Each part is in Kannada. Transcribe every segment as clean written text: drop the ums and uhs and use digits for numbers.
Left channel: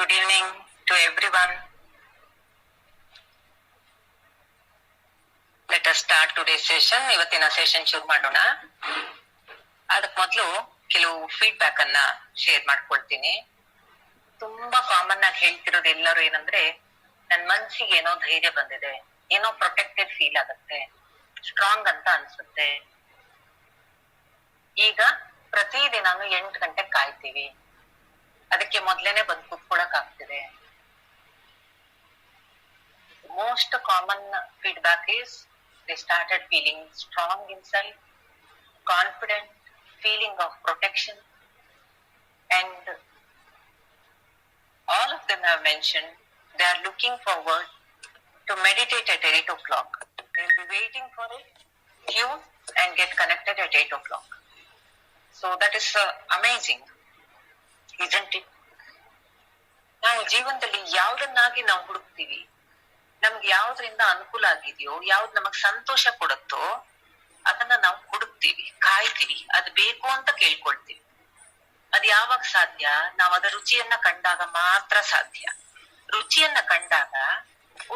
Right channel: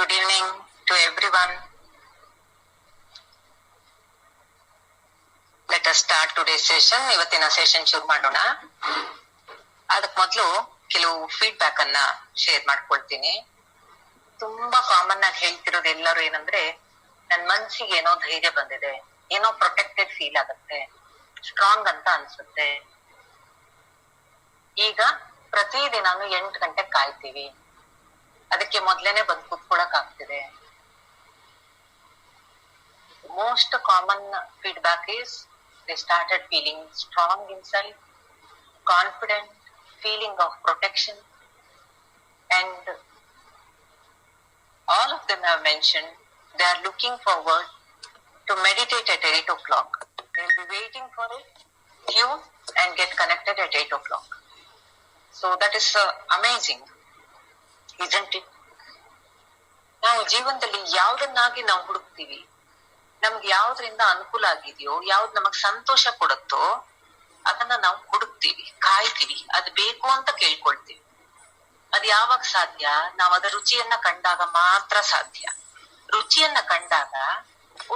Good evening to everyone. Let us start today's session. ಇವತ್ತಿನ ಸೆಷನ್ ಶುರು ಮಾಡೋಣ. ಅದಕ್ಕೆ ಮೊದಲು ಕೆಲವು ಫೀಡ್ಬ್ಯಾಕ್ ಅನ್ನ ಶೇರ್ ಮಾಡ್ಕೊಳ್ತೀನಿ. ತುಂಬಾ ಕಾಮನ್ ಆಗಿ ಹೇಳ್ತಿರೋದು ಎಲ್ಲರೂ ಏನಂದ್ರೆ, ನನ್ ಮನ್ಸಿಗೆ ಏನೋ ಧೈರ್ಯ ಬಂದಿದೆ, ಏನೋ ಪ್ರೊಟೆಕ್ಟೆಡ್ ಫೀಲ್ ಆಗುತ್ತೆ, ಸ್ಟ್ರಾಂಗ್ ಅಂತ ಅನ್ಸುತ್ತೆ. ಈಗ ಪ್ರತಿದಿನಾನು 8 ಗಂಟೆಗೆ ಕಾಯ್ತೀವಿ, ಅದಕ್ಕೆ ಮೊದ್ಲೇನೆ ಬಂದು ಕೂತ್ಕೊಳಕ್ ಆಗ್ತಿದೆ. Most common feedback is they started feeling strong inside, confident, feeling of protection, and all of them have mentioned they are looking forward to meditate at 8 o'clock. They will be waiting for it, tune and get connected at 8 o'clock. So that is amazing, isn't it? ನಾವು ಜೀವನದಲ್ಲಿ ಯಾವ್ದನ್ನಾಗಿ ನಾವು ಹುಡುಕ್ತಿವಿ, ನಮ್ಗೆ ಯಾವ್ದ್ರಿಂದ ಅನುಕೂಲ ಆಗಿದೆಯೋ, ಯಾವ್ದು ನಮಗ್ ಸಂತೋಷ ಕೊಡುತ್ತೋ ಅದನ್ನ ನಾವು ಹುಡುಕ್ತಿವಿ, ಕಾಯ್ತೀವಿ, ಅದ್ ಬೇಕು ಅಂತ ಕೇಳ್ಕೊಳ್ತೀವಿ. ಅದ್ ಯಾವಾಗ ಸಾಧ್ಯ? ನಾವ್ ಅದ ರುಚಿಯನ್ನ ಕಂಡಾಗ ಮಾತ್ರ ಸಾಧ್ಯ. ರುಚಿಯನ್ನ ಕಂಡಾಗ,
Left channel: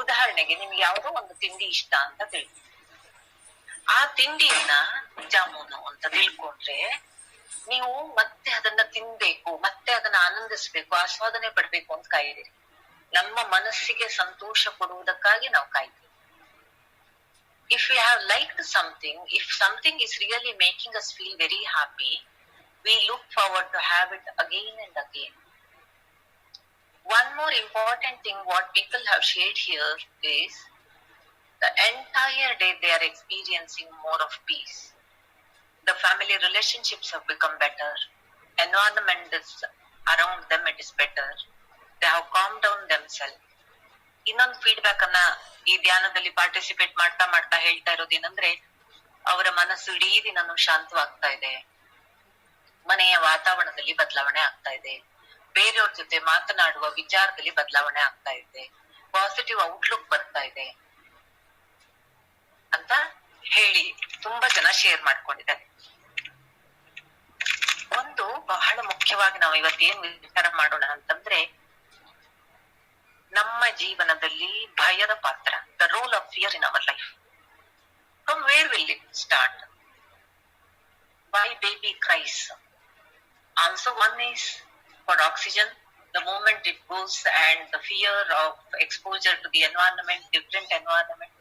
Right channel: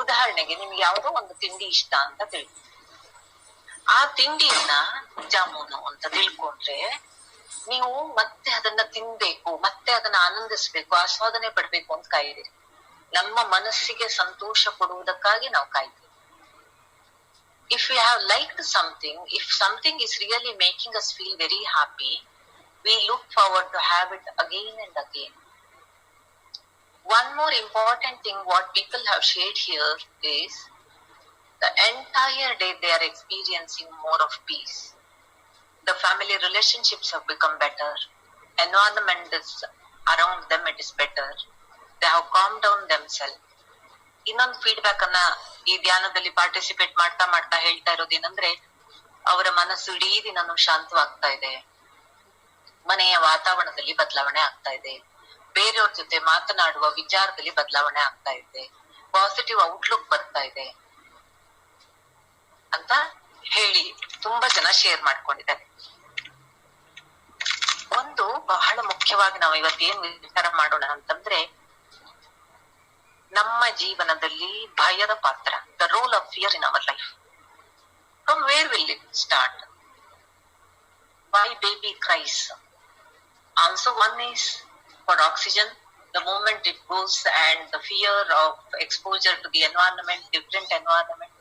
ಉದಾಹರಣೆಗೆ ನಿಮ್ಗೆ ಯಾವ್ದೋ ಒಂದು ತಿಂಡಿ ಇಷ್ಟ ಅಂತ ತಿಳ್ಕೊ, ಆ ತಿಂಡಿಯನ್ನ ಜಾಮೂನು ಅಂತ ತಿಳ್ಕೊಂಡ್ರೆ ನೀವು ಮತ್ತೆ ಅದನ್ನ ತಿನ್ಬೇಕು, ಮತ್ತೆ ಅದನ್ನ ಆನಂದಿಸ್ಬೇಕು, ಆಸ್ವಾದನೆ ಪಡ್ಬೇಕು ಅಂತ ಕಾಯ್ದಿರಿ. ನಮ್ಮ ಮನಸ್ಸಿಗೆ ಸಂತೋಷ ಕೊಡುವುದಕ್ಕಾಗಿ ನಾವು ಕಾಯ್ತೀವಿ. If you have liked something, if something is really making us feel very happy, we look forward to have it again and again. One more important thing what people have shared here is the entire day they are experiencing more of peace. The family relationships have become better. Environment is around them, it is better. They have calmed down themselves. ಇನ್ನೊಂದು ಫೀಡ್ಬ್ಯಾಕ್ ಅನ್ನ ಈ ಧ್ಯಾನದಲ್ಲಿ ಪಾರ್ಟಿಸಿಪೇಟ್ ಮಾಡ್ತಾ ಮಾಡ್ತಾ ಹೇಳ್ತಾ ಇರೋದೇನಂದ್ರೆ, ಅವರ ಮನಸ್ಸು ಇಡೀ ದಿನನೂ ಶಾಂತವಾಗ್ತಾ ಇದೆ, ಮನೆಯ ವಾತಾವರಣದಲ್ಲಿ ಬದಲಾವಣೆ ಆಗ್ತಾ ಇದೆ, ಬೇರೆಯವ್ರ ಜೊತೆ ಮಾತನಾಡುವ ವಿಚಾರದಲ್ಲಿ ಬದಲಾವಣೆ ಆಗ್ತಾ ಇದೆ, ಪಾಸಿಟಿವ್ ಔಟ್ಲುಕ್ ಬರ್ತಾ ಇದೆ ಅಂತ ಹೇಳಿ ತುಂಬಾ ಜನ ಶೇರ್ ಮಾಡ್ಕೊಂಡಿದ್ದಾರೆ. ಒಂದು ಬಹಳ ಮುಖ್ಯವಾಗಿ ನಾವು ಇವತ್ತೇನ್ ವಿಚಾರ ಮಾಡೋಣ ಅಂತಂದ್ರೆ, ನಮ್ಮ ಜೀವನದಲ್ಲಿ ಭಯದ ಪಾತ್ರ, the role of fear in our life. From where will it start? Why baby cries? Also one is for oxygen. The moment it goes and the fear of exposure to the environment, different environment.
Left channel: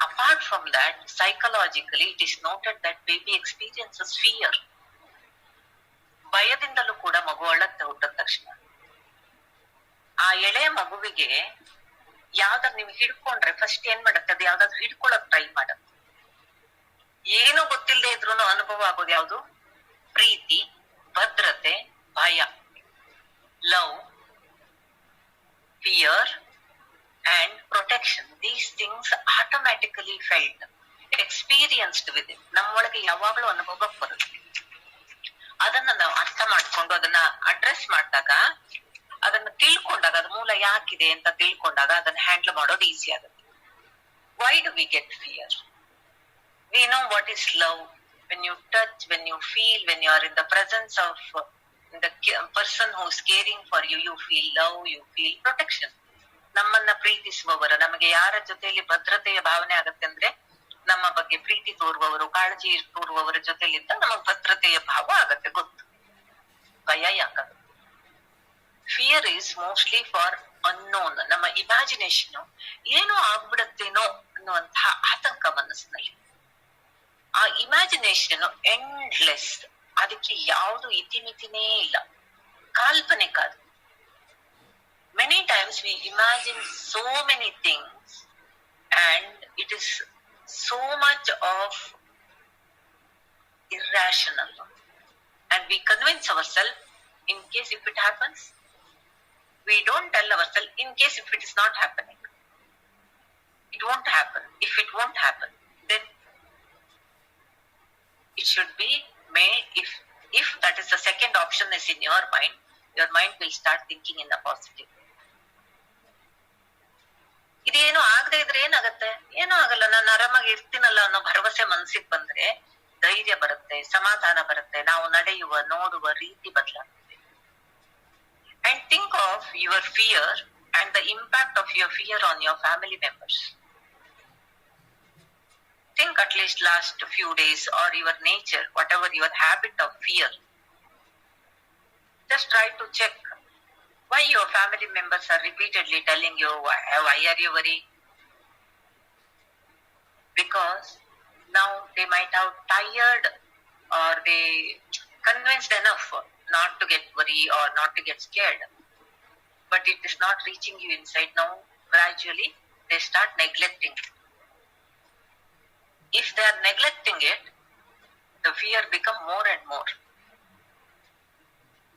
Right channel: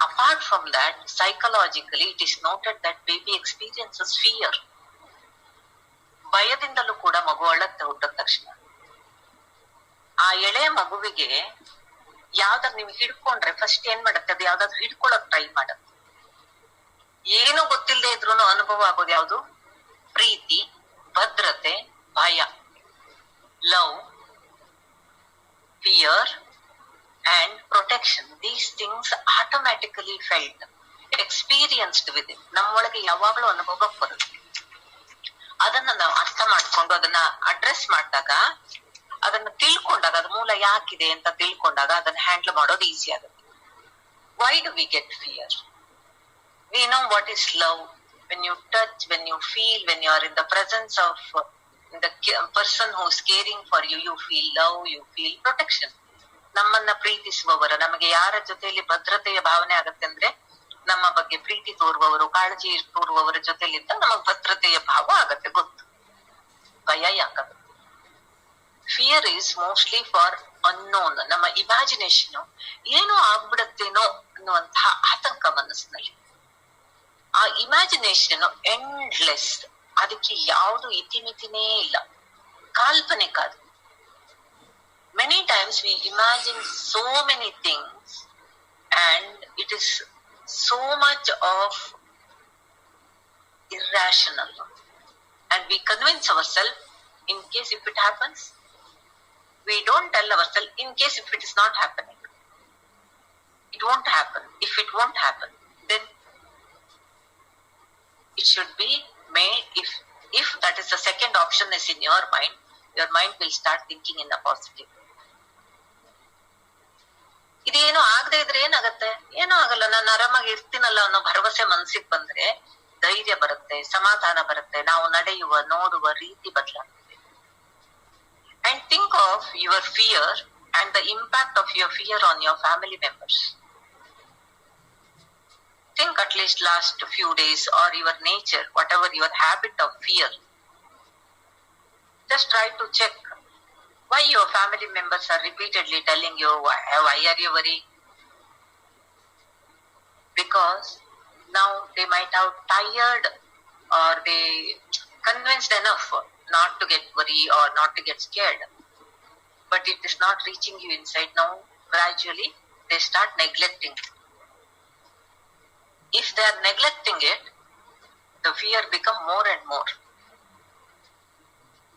Apart from that, psychologically it is noted that baby experiences fear. ಭಯದಿಂದಲೂ ಕೂಡ ಮಗು ಅಳುತ್ತೆ ಹುಟ್ಟಿದ ತಕ್ಷಣ. ಆ ಎಳೆ ಮಗುವಿಗೆ ಯಾವ್ದಾದ್ರು ನೀವು ಹಿಡ್ಕೊಂಡ್ರೆ ಫಸ್ಟ್ ಏನ್ ಮಾಡುತ್ತೆ, ಅದು ಯಾವ್ದಾದ್ರು ಹಿಡ್ಕೊಳಕ್ ಟ್ರೈ ಮಾಡುತ್ತೆ. ಏನೋ ಗೊತ್ತಿಲ್ಲದೆ ಇದ್ರು ಅನುಭವ ಆಗೋದು ಯಾವ್ದು? ಪ್ರೀತಿ, ಭದ್ರತೆ, ಭಯ, love, fear and protection. These things automatically felt, experienced with it. ನಮ್ಮೊಳಗೆ ಯಾವಾಗಲೂ ಅನುಭವಕ್ಕೆ ಬರುತ್ತೆ. ಅದನ್ನ ನಾವು ಅರ್ಥ ಮಾಡ್ಕೊಂಡು ಅದನ್ನ ಅಡ್ರೆಸ್ ಮಾಡಿದಾಗ, ಅದನ್ನ ತಿಳ್ಕೊಂಡಾಗ, ಅದ ಮೂಲ ಯಾಕಿದೆ ಅಂತ ತಿಳ್ಕೊಂಡಾಗ ಅದನ್ನ ಹ್ಯಾಂಡಲ್ ಮಾಡೋದು ಈಸಿ ಆಗುತ್ತೆ. Why do we get fear? We know what is love. When you touch, when you feel, when you are in the presence of the person who is caring for you, you feel love, you feel protection. ನಮ್ಮನ್ನ ಪ್ರೀತಿಸುವವರ, ನಮಗೆ ಯಾರ ಜೊತೆಯಲ್ಲಿ ಭದ್ರತೆಯ ಭಾವನೆ ಆಗತ್ತೆ ಅಂದ್ರೆ, ನಮ್ಮ ಬಗ್ಗೆ ಪ್ರೀತಿ ತೋರುವವರು, ಕಾಳಜಿ ತೋರುವವರ ಜೊತೆಲಿದ್ದ ನಮಗ್ ಭದ್ರತೆಯ ಭಾವ ಆಗತ್ತೆ, ಗೊತ್ತು. ಭಯ ಯಾಕದು? Fear is mostly for unknown. ನಮ್ಮ ಇಮ್ಯಾಜಿನೇಷನ್ ಏನೋ ಆಗ್ಬಿಡತ್ತೇನೋ ಅನ್ನುವಂತಹ ಆತಂಕ ಮನಸ್ಸಿನಲ್ಲಿ. ಆ ಇಮ್ಯಾಜಿನೇಷನ್ ಎಂಡ್ಲೆಸ್, ಅದಕ್ಕೆ ಯಾವುದು ಇತಿಮಿತಿನೇ ಇಲ್ಲ, ಕಾಲ್ಪನಿಕ ಅದು. Many times we imagine so many things and it is so much of irrational, and we convince ourselves in case if it happens. We don't tell ourselves in case if it is not happening, it won't happen. If it won't happen, then it should be made. If that is the second option is in your mind will start thinking in the positive. ಇದೇನು ಆಗದೆ ಇದ್ರೆ ಏನಾಗತ್ತೆ? ಏನೂ ಆಗಲ್ಲ, ನಾನು ಆರಾಮಾಗಿ ಇರ್ತೀನಲ್ಲ ಅನ್ನೋ ಭರವಸೆ ಮನ್ಸಿಗೆ ಬಂದ್ರೆ ಧೈರ್ಯ ಬರುತ್ತೆ, ಸಮಾಧಾನ ಬರುತ್ತೆ, ನಾವು ನಡೆಯುವ ನೋಡುವ ರೀತಿ ಬದಲಾಗುತ್ತೆ. And think of your fear and the impact of your fear on your family members. Think at least last few days or your nature, whatever your habit of fear. Just try to check why your family members are repeatedly telling you, why are you worried? Because now they might have tired or they convinced enough not to get worried or not to get scared. But it is not reaching you inside. Now gradually they start neglecting. If they are neglecting it, the fear become more and more.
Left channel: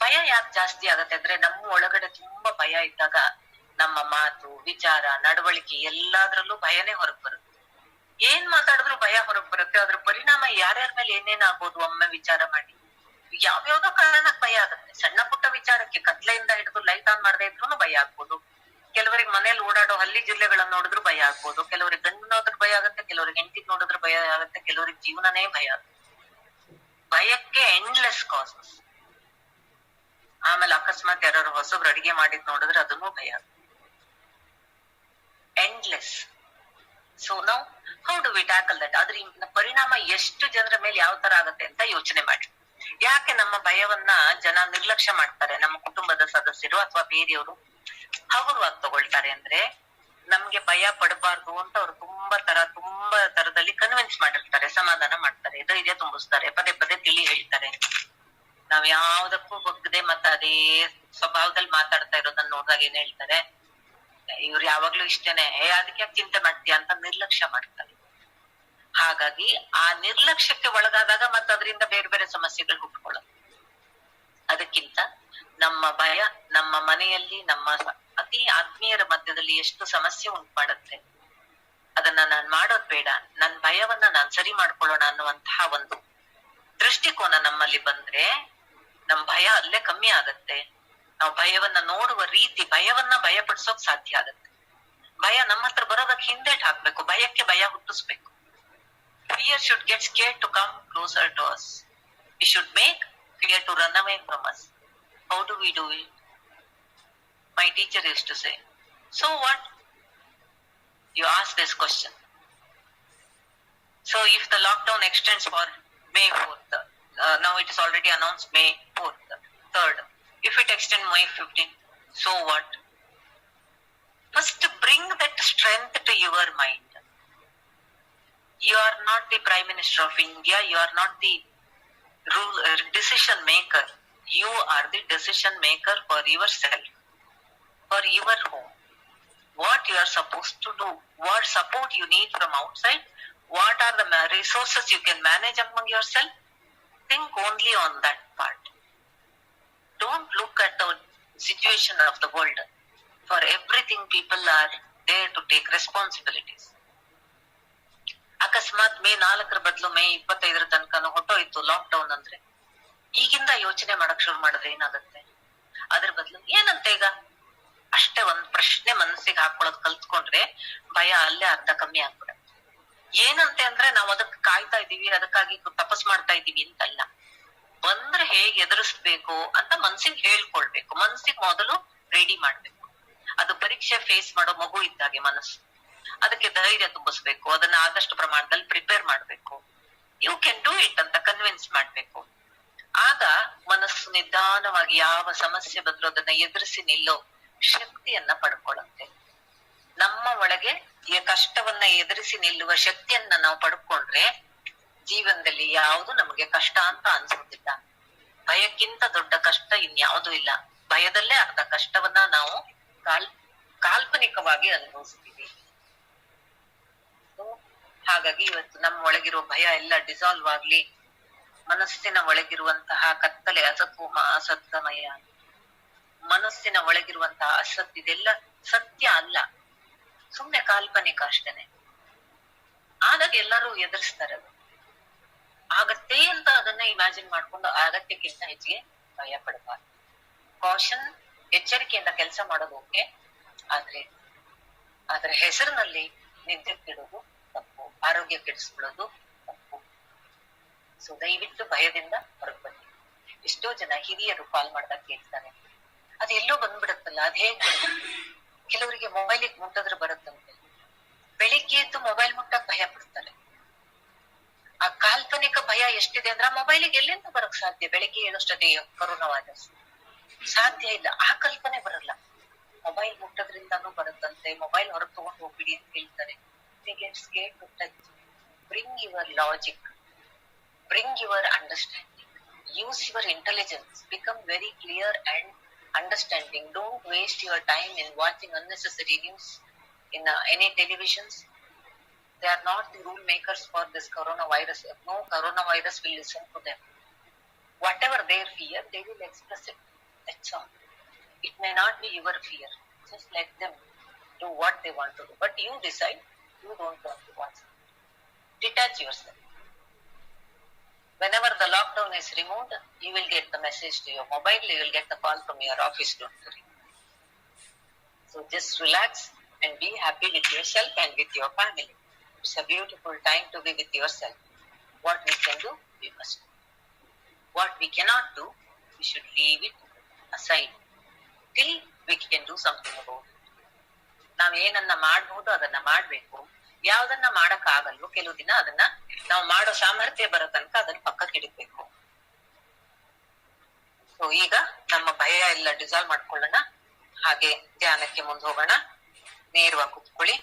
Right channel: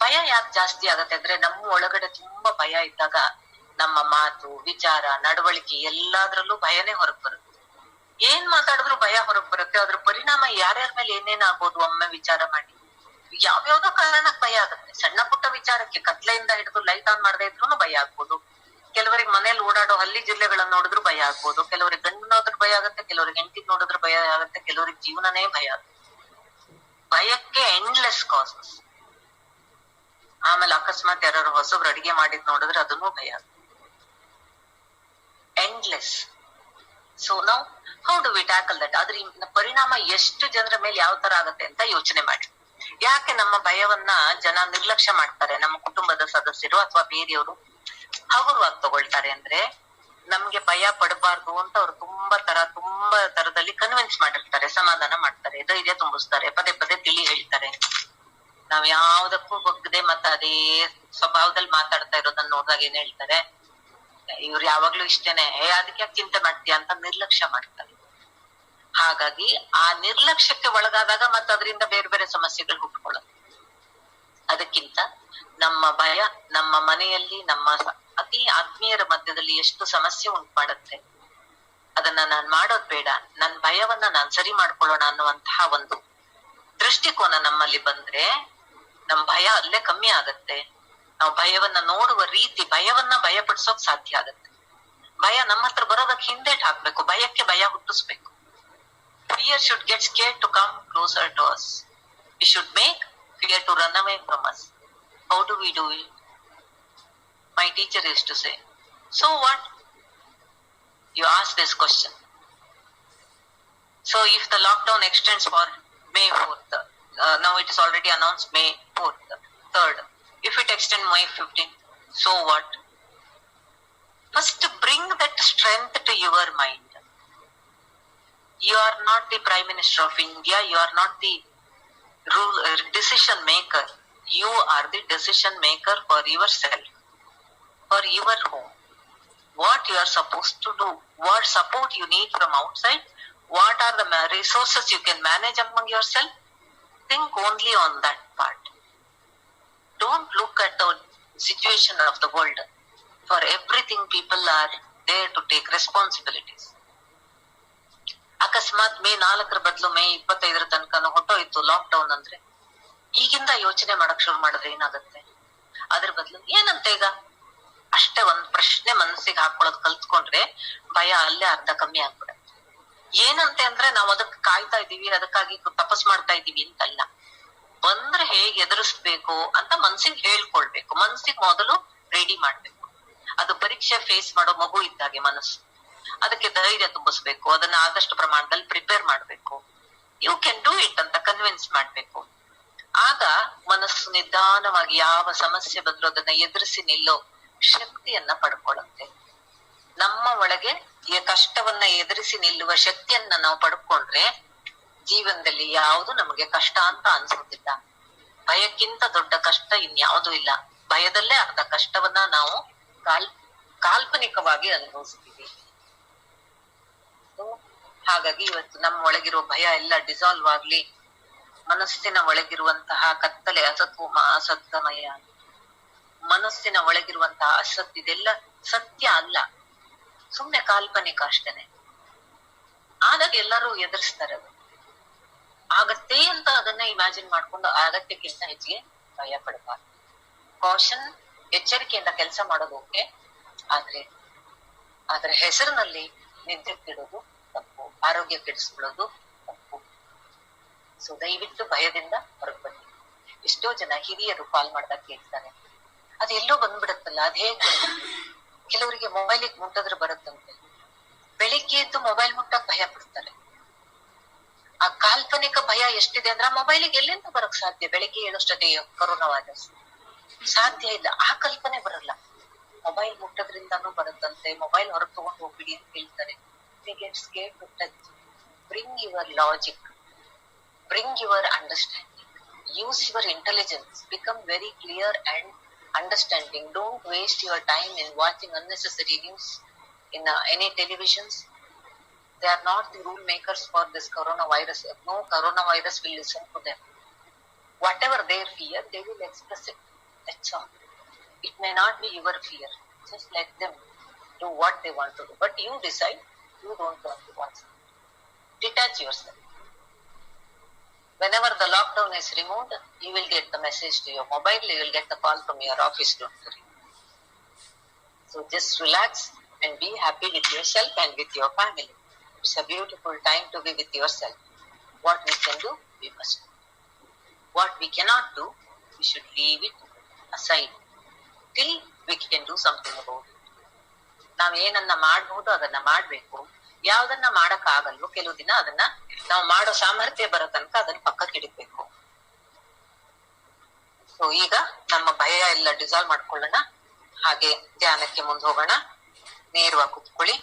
ಭಯ ಯಾಕೆ ಜಾಸ್ತಿ ಆಗತ್ತೆ ಅಂದ್ರೆ ನಮ್ಮ ಒಳಗಡೆ ತುಂಬಾ ಭಯ ಇದ್ದಾಗ ನಮ್ಮ ಮಾತು, ವಿಚಾರ, ನಡವಳಿಕೆ ಎಲ್ಲಾದ್ರಲ್ಲೂ ಭಯನೇ ಹೊರಗ್ ಬರುತ್ತೆ. ಏನ್ ಮಾತಾಡಿದ್ರು ಭಯ ಹೊರಗ್ ಬರುತ್ತೆ. ಅದ್ರ ಪರಿಣಾಮ ಯಾರ್ಯಾರ ಮೇಲೆ ಏನೇನಾಗ್ಬೋದು ಒಮ್ಮೆ ವಿಚಾರ ಮಾಡಿ. ಯಾವ್ಯಾವ್ದೋ ಕಾರಣಕ್ಕೆ ಭಯ ಆಗುತ್ತೆ. ಸಣ್ಣ ಪುಟ್ಟ ವಿಚಾರಕ್ಕೆ ಕತ್ಲೆಯಿಂದ ಹಿಡಿದು ಲೈಟ್ ಆನ್ ಮಾಡದೇ ಇದ್ರು ಭಯ ಆಗ್ಬೋದು. ಕೆಲವರಿಗೆ ಮನೇಲಿ ಓಡಾಡೋ ಹಳ್ಳಿ ಜಿಲ್ಲೆಗಳನ್ನ ನೋಡಿದ್ರು ಭಯ ಆಗ್ಬೋದು. ಕೆಲವರಿಗೆ ಗಂಡು ನೋಡಿದ್ರೆ ಭಯ ಆಗುತ್ತೆ, ಕೆಲವರಿಗೆ ಹೆಂಡತಿ ನೋಡಿದ್ರೆ ಭಯ ಆಗುತ್ತೆ, ಕೆಲವರಿಗೆ ಜೀವನನೇ ಭಯ ಆಗುತ್ತೆ. ಭಯಕ್ಕೆ ಎಂಡ್ಲೆಸ್ ಕಾಸಸ್. ಆಮೇಲೆ ಅಕಸ್ಮಾತ್ ಯಾರು ಹೊಸಬ್ರು ಅಡಿಗೆ ಮಾಡಿದ್ ನೋಡಿದ್ರೆ ಅದನ್ನೂ ಭಯ ಆಗುತ್ತೆ. ಎಂಡ್ಲೆಸ್. ಸೊ ನಾವು how do we tackle that? ಅದ್ರ ಪರಿಣಾಮ ಎಷ್ಟು ಜನರ ಮೇಲೆ ಯಾವ ತರ ಆಗತ್ತೆ ಅಂತ ಯೋಚನೆ ಮಾಡಿ. ಯಾಕೆ ನಮ್ಮ ಭಯವನ್ನ ಜನ ನಿರ್ಲಕ್ಷ್ಯ ಮಾಡ್ತಾರೆ? ನಮ್ಮ ಕುಟುಂಬದ ಸದಸ್ಯರು ಅಥವಾ ಬೇರೆಯವರು ಹಗುರವಾಗಿ ತಗೊಳ್ತಾರೆ. ಅಂದ್ರೆ ನಮ್ಗೆ ಭಯ ಪಡಬಾರ್ದು ಅಂತ ಅವ್ರು ತುಂಬಾ ತರದಲ್ಲಿ ಕನ್ವಿನ್ಸ್ ಮಾಡಿರ್ತಾರೆ, ಸಮಾಧಾನ ಮಾಡ್ತಾರೆ, ಧೈರ್ಯ ತುಂಬಿಸ್ತಾರೆ, ಪದೇ ಪದೇ ತಿಳಿ ಹೇಳ್ತಾರೆ. ನಾವ್ ಯಾವ್ದಕ್ಕೂ ಬಗ್ಗದೆ ಮತ್ತೆ ಅದೇ ಸ್ವಭಾವದಲ್ಲಿ ಮಾತಾಡ್ತಾ ಇರೋದನ್ನ ನೋಡಿದಾಗ ಏನ್ ಹೇಳ್ತಾರೆ, ಇವ್ರು ಯಾವಾಗ್ಲೂ ಇಷ್ಟೇನೆ, ಅದಕ್ಕೆ ಯಾಕೆ ಚಿಂತೆ ಮಾಡ್ತೀಯ ಅಂತ ನಿರ್ಲಕ್ಷ್ಯ ಮಾಡ್ತಾರೆ. ಹಾಗಾಗಿ ಆ ನಿರ್ಲಕ್ಷ್ಯಕ್ಕೆ ಒಳಗಾದಾಗ ಮತ್ತೆ ಅದರಿಂದ ಬೇರೆ ಬೇರೆ ಸಮಸ್ಯೆಗಳು ಹುಟ್ಕೊಳ್ಳುತ್ತೆ. ಅದಕ್ಕಿಂತ ನಮ್ಮ ಭಯ ನಮ್ಮ ಮನೆಯಲ್ಲಿ ನಮ್ಮ ಅತಿ ಆತ್ಮೀಯರ ಮಧ್ಯದಲ್ಲಿ ಎಷ್ಟು ಸಮಸ್ಯೆ ಉಂಟು ಮಾಡುತ್ತೆ. ಅದನ್ನ ನಾನ್ ಮಾಡೋದ್ ಬೇಡ, ನನ್ ಭಯವನ್ನ ನಾನ್ ಸರಿ ಮಾಡ್ಕೊಳ್ಳೋಣ ಅನ್ನುವಂತಹ ಒಂದು ದೃಷ್ಟಿಕೋನ ನಮ್ಮಲ್ಲಿ ಬಂದ್ರೆ ನಮ್ ಭಯ ಅಲ್ಲೇ ಕಮ್ಮಿ ಆಗತ್ತೆ. ನಾವು ಭಯವನ್ನ ನೋಡುವ ರೀತಿ, ಭಯವನ್ನ ಭಯಪಡಿಸೋಕ್ ಸಾಧ್ಯ ಆಗತ್ತೆ. ಭಯ ನಮ್ಮ ಹತ್ರ ಬರೋದಕ್ಕೆ ಹಿಂದೇಟ್ ಹಾಕ್ಬೇಕು, ಭಯಕ್ಕೆ ಭಯ ಹುಟ್ಟಿಸ್ಬೇಕು. Fear should get scared to come closer to us. We should make fear to run away from us. How do we do it? My teacher used to say, so what? You ask this question. So if the lockdown extends for May 4th, now it is already announced May 4th, 3rd. If it extends May 15th, so what? First bring that strength to your mind. You are not the Prime Minister of India. You are not the decision maker. You are the decision maker for yourself, for your home. What you are supposed to do, what support you need from outside, what are the resources you can manage among yourself. Think only on that part. Don't look at the situation of the world. For everything, people are there to take responsibilities. ಅಕಸ್ಮಾತ್ May 4 ಬದಲು May 25 ತನಕನೂ ಹೊಟ್ಟೋಯ್ತು ಲಾಕ್ಡೌನ್ ಅಂದ್ರೆ, ಈಗಿಂದ ಯೋಚನೆ ಮಾಡಕ್ ಶುರು ಮಾಡಿದ್ರೆ ಏನಾಗುತ್ತೆ? ಅದ್ರ ಬದಲು ಏನಂತ ಈಗ ಅಷ್ಟೇ ಒಂದ್ ಪ್ರಶ್ನೆ ಮನಸ್ಸಿಗೆ ಹಾಕೊಳ್ಳೋದ್ ಕಲ್ತ್ಕೊಂಡ್ರೆ ಭಯ ಅಲ್ಲೇ ಅರ್ಧ ಕಮ್ಮಿ ಆಗ್ಬಿಡುತ್ತೆ. ಏನಂತೆ ಅಂದ್ರೆ ನಾವು ಅದಕ್ಕೆ ಕಾಯ್ತಾ ಇದೀವಿ, ಅದಕ್ಕಾಗಿ ತಪಸ್ ಮಾಡ್ತಾ ಇದೀವಿ ಅಂತಲ್ಲ. ಬಂದ್ರೆ ಹೇಗೆ ಎದುರಿಸ್ಬೇಕು ಅಂತ ಮನ್ಸಿಗೆ ಹೇಳ್ಕೊಳ್ಬೇಕು. ಮನ್ಸಿಗೆ ಮೊದಲು ರೆಡಿ ಮಾಡ್ಬೇಕು. ಅದು ಪರೀಕ್ಷೆ ಫೇಸ್ ಮಾಡೋ ಮಗು ಇದ್ದಾಗೆ ಮನಸ್ಸು. ಅದಕ್ಕೆ ಧೈರ್ಯ ತುಂಬಿಸ್ಬೇಕು, ಅದನ್ನ ಆದಷ್ಟು ಪ್ರಮಾಣದಲ್ಲಿ ಪ್ರಿಪೇರ್ ಮಾಡ್ಬೇಕು. ಯು ಕ್ಯಾನ್ ಡೂ ಇಟ್ ಅಂತ ಕನ್ವಿನ್ಸ್ ಮಾಡ್ಬೇಕು. ಆಗ ಮನಸ್ಸು ನಿಧಾನವಾಗಿ ಯಾವ ಸಮಸ್ಯೆ ಬಂದ್ರೂ ಅದನ್ನ ಎದುರಿಸಿ ನಿಲ್ಲೋ ಶಕ್ತಿಯನ್ನ ಪಡ್ಕೊಳ್ಳುತ್ತೆ. ನಮ್ಮ ಒಳಗೆ ಈ ಕಷ್ಟವನ್ನ ಎದುರಿಸಿ ನಿಲ್ಲುವ ಶಕ್ತಿಯನ್ನ ನಾವು ಪಡ್ಕೊಂಡ್ರೆ ಜೀವನದಲ್ಲಿ ಯಾವುದು ನಮಗೆ ಕಷ್ಟ ಅಂತ ಅನ್ಸೋದಿಲ್ಲ. ಭಯಕ್ಕಿಂತ ದೊಡ್ಡ ಕಷ್ಟ ಇನ್ಯಾವುದೂ ಇಲ್ಲ. ಭಯದಲ್ಲೇ ಅರ್ಧ ಕಷ್ಟವನ್ನ ನಾವು ಕಾಲ್ಪನಿಕವಾಗಿ ಅನುಭವಿಸ್ತೀವಿ. ಹಾಗಾಗಿ ಇವತ್ತು ನಮ್ಮ ಒಳಗಿರೋ ಭಯ ಎಲ್ಲ ಡಿಸಾಲ್ವ್ ಆಗ್ಲಿ. ಮನಸ್ಸಿನ ಒಳಗಿರುವಂತಹ ಕತ್ತಲೆ, ಅಸತ್ವಮ ಅಸತ್ಯಮಯ, ಮನಸ್ಸಿನ ಒಳಗಿರುವಂತಹ ಅಸತ್, ಇದೆಲ್ಲ ಸತ್ಯ ಅಲ್ಲ, ಸುಮ್ನೆ ಕಾಲ್ಪನಿಕ ಅಷ್ಟೇನೆ. ಆದಾಗ ಎಲ್ಲರೂ ಎದುರಿಸ್ತಾರೆ. ಅದು ಆಗತ್ತೆ ಅಂತ ಅದನ್ನ ಇಮ್ಯಾಜಿನ್ ಮಾಡ್ಕೊಂಡು ಅಗತ್ಯಕ್ಕಿಂತ ಹೆಚ್ಚಿಗೆ ಭಯ ಪಡಬಾರ್ದು. ಕಾಷನ್, ಎಚ್ಚರಿಕೆಯಿಂದ ಕೆಲಸ ಮಾಡೋದು ಓಕೆ, ಆದ್ರೆ ಹೆಸರಿನಲ್ಲಿ ನಿದ್ದೆ ಕೆಡೋದು ತಪ್ಪು, ಆರೋಗ್ಯ ಕೆಡಿಸ್ಕೊಳ್ಳೋದು ತಪ್ಪು. ಸೊ ದಯವಿಟ್ಟು ಭಯದಿಂದ ಹೊರಗೆ ಬನ್ನಿ. ಎಷ್ಟೋ ಜನ ಹಿರಿಯರು ಕಾಲ್ ಮಾಡ್ದಾಗ ಕೇಳ್ತಾರೆ, ಅದೆಲ್ಲೋ ಬಂದ್ಬಿಡುತ್ತಲ್ಲ, ಅದ್ ಹೇಗ್ ಕೆಲವರಿಗೆ ಮೊಬೈಲಿಗೆ ಮುಟ್ಟಿದ್ರೆ ಬರುತ್ತಂತೆ. ಬೆಳಿಗ್ಗೆ ಎದ್ದು ಮೊಬೈಲ್ ಮುಟ್ಟಕ್ ಭಯ ಪಡ್ತಾರೆ. ಆ ಕಾಲ್ಪನಿಕ ಭಯ ಎಷ್ಟಿದೆ ಅಂದ್ರೆ ಆ ಮೊಬೈಲಿಗೆ ಎಲ್ಲಿಂದ ಬರಕ್ ಸಾಧ್ಯ? ಬೆಳಿಗ್ಗೆ ಏಳಷ್ಟೊತ್ತಿಗೆ ಕೊರೋನಾ ವೈರಸ್ ಸಾಧ್ಯ ಇಲ್ಲ. ಆ ಕಲ್ಪನೆ ಬರಲ್ಲ. ಮೊಬೈಲ್ ಮುಟ್ಟೋದ್ರಿಂದಾನು ಬರುತ್ತಂತೆ, ಮೊಬೈಲ್ ಹೊರಗೆ ತಗೊಂಡು ಹೋಗ್ಬಿಡಿ ಅಂತ ಹೇಳ್ತಾರೆ. Bring your logic, bring your understanding, use your intelligence, become very clear and understanding. Don't waste your time in watching unnecessary news in any televisions. They are not the rule makers for this coronavirus. No coronavirus will listen to them. Whatever their fear, they will express it. That's all. It may not be your fear. Just let them do what they want to do. But you decide you don't want to watch. Detach yourself. Whenever the lockdown is removed, you will get the message to your mobile, you will get the call from your office, don't worry. So just relax and be happy with yourself and with your family. It's a beautiful time to be with yourself. What we can do, we must do. What we cannot do, we should leave it aside till we can do something about it. ನಾವ್ ಏನನ್ನ ಮಾಡ್ಬಹುದು ಅದನ್ನ ಮಾಡ್ಬೇಕು. ಯಾವ್ದನ್ನ ಮಾಡಕ್ ಆಗಲ್ವೋ ಕೆಲವು ದಿನ ಅದನ್ನ ನಾವು ಮಾಡೋ ಸಾಮರ್ಥ್ಯ ಬರೋ ತನಕ ಅದನ್ನ ಪಕ್ಕಕ್ಕೆ ಇಡಬೇಕು. ಸೊ ಈಗ ನಮ್ಮ ಭಯ ಎಲ್ಲ ಡಿಸಾಲ್ವ್ ಮಾಡ್ಕೊಳ್ಳೋಣ. ಹಾಗೆ ಧ್ಯಾನಕ್ಕೆ ಮುಂದೆ ಹೋಗೋಣ. ನೇರವಾಗಿ ಕುತ್ಕೊಳ್ಳಿ.